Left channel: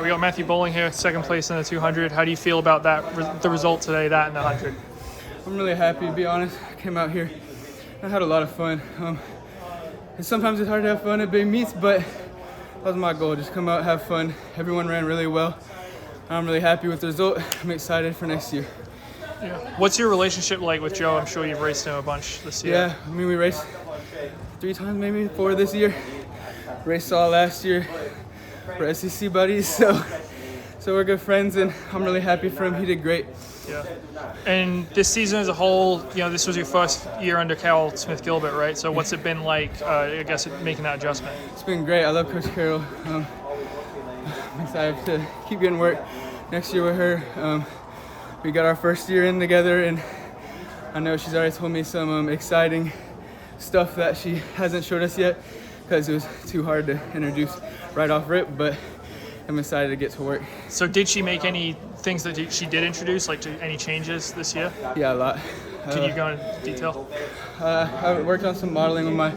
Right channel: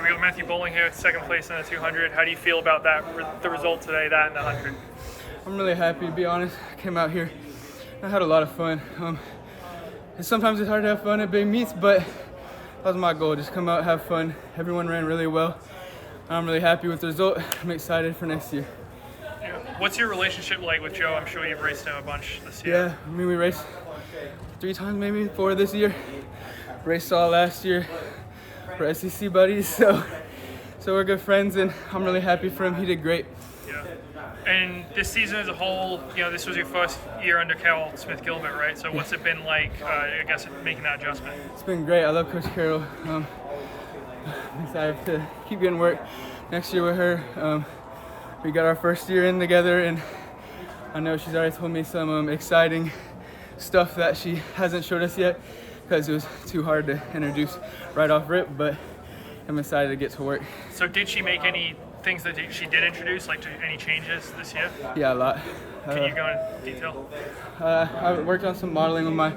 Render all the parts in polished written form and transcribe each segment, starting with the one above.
right, we got Matthew Boling here, second place in the 200. How do you feel about that, the result today, that and the 100? I'm really happy, to be honest. I came out here, I had a lot of fun. Sometimes it's hard to have fun at big meets, but that was my goal, just come out, have fun. Everyone ran really well. I'm really happy with the result. I'm excited for next year. Yeah. What's your relationship like with Joe? I'm sure you've raced him a bunch this year. Yeah, I mean, we raced 3 times, maybe 4 this year. Raced all last year. We're SEC buddies, so we're good friends, and I'm really happy for him. He did great. Yeah. And this season as a whole, this was your first year under Carol Smith-Gilbert, right? So what's it been like, I guess, making that adjustment? It's been great. I love Coach Carol. I'm excited to keep getting work next year with her. We got our first year in together, and I know she's already told me some exciting stuff that she hasn't showed us yet because it was too hard to introduce right off rip, but I'm excited to get to work. So did she make any things that she did introduce, like any changes this year? Yeah, a lot. Can you go into detail? I worked on some modeling with my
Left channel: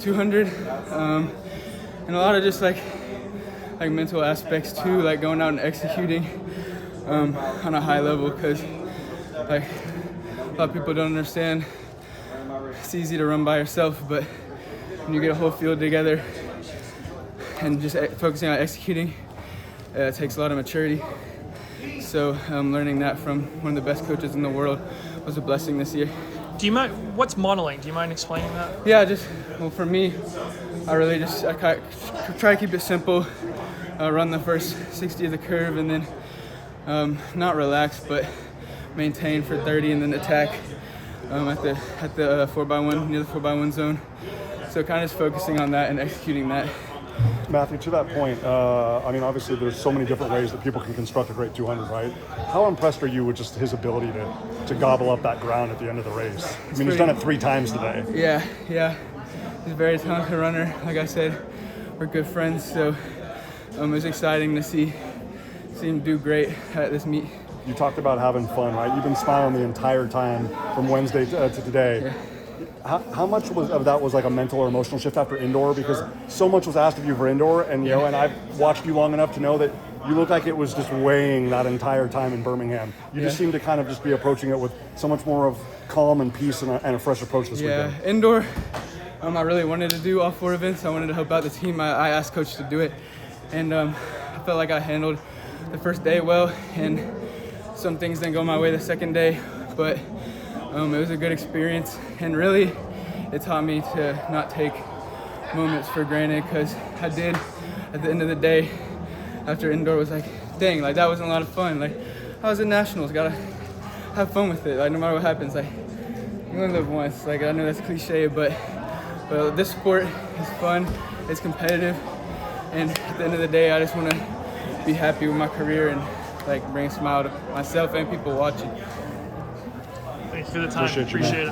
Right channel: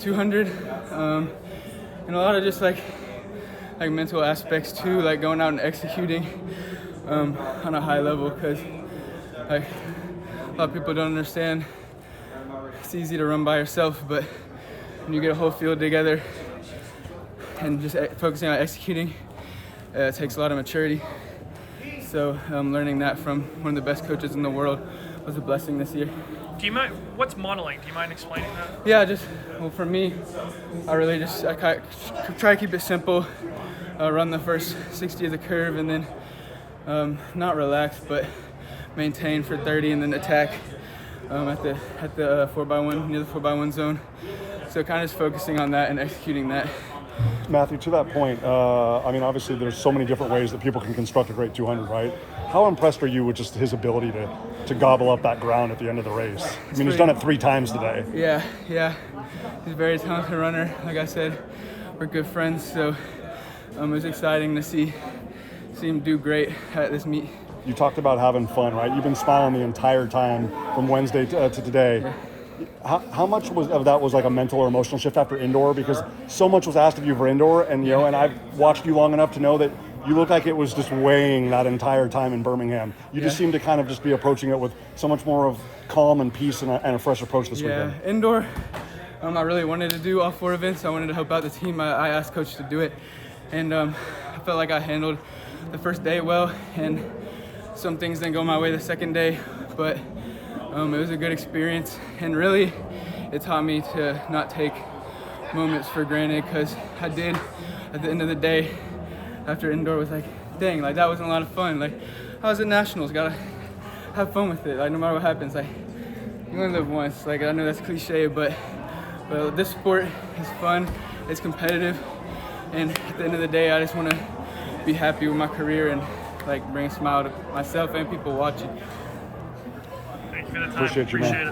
200, and a lot of just like mental aspects too, like going out and executing on a high level, because like a lot of people don't understand. It's easy to run by yourself, but when you get a whole field together and just focusing on executing, it takes a lot of maturity. So learning that from one of the best coaches in the world was a blessing this year. Do you mind, what's modeling? Do you mind explaining that? Yeah, well, for me, I really I try to keep it simple. Run the first 60 of the curve, and then not relax, but maintain for 30, and then attack at the 4x1, near the 4x1 zone. So kind of just focusing on that and executing that. Matthew, to that point, I mean, obviously there's so many different ways that people can construct a great 200, right? How impressed are you with just his ability to gobble up that ground at the end of the race? I mean, he's done it 3 times today. Yeah. He's a very talented runner. Like I said, we're good friends, so it was exciting to see him do great at this meet. You talked about having fun, right? You've been smiling the entire time from Wednesday to today. Yeah. How much of that was like a mental or emotional shift after indoor? Because so much was asked of you for indoor, and you know, and I've watched you long enough to know that you look like it was just weighing that entire time in Birmingham. You just seem to kind of just be approaching it with so much more of calm and peace and a fresh approach this weekend. Yeah, indoor, I really wanted to do all 4 events. I wanted to help out the team. I asked Coach to do it, and I felt like I handled the first day well, and some things didn't go my way the second day, but it was a good experience, and really it taught me to not take moments for granted, because I did at the end of the day after indoor was like, dang, like that wasn't a lot of fun. Like I was at nationals, gotta have fun with it, like no matter what happens, like you only live once. Like I know that's cliche, but this sport is fun, it's competitive, and at the end of the day I just want to be happy with my career and like bring a smile to myself and people watching. Thanks for the time. Appreciate it.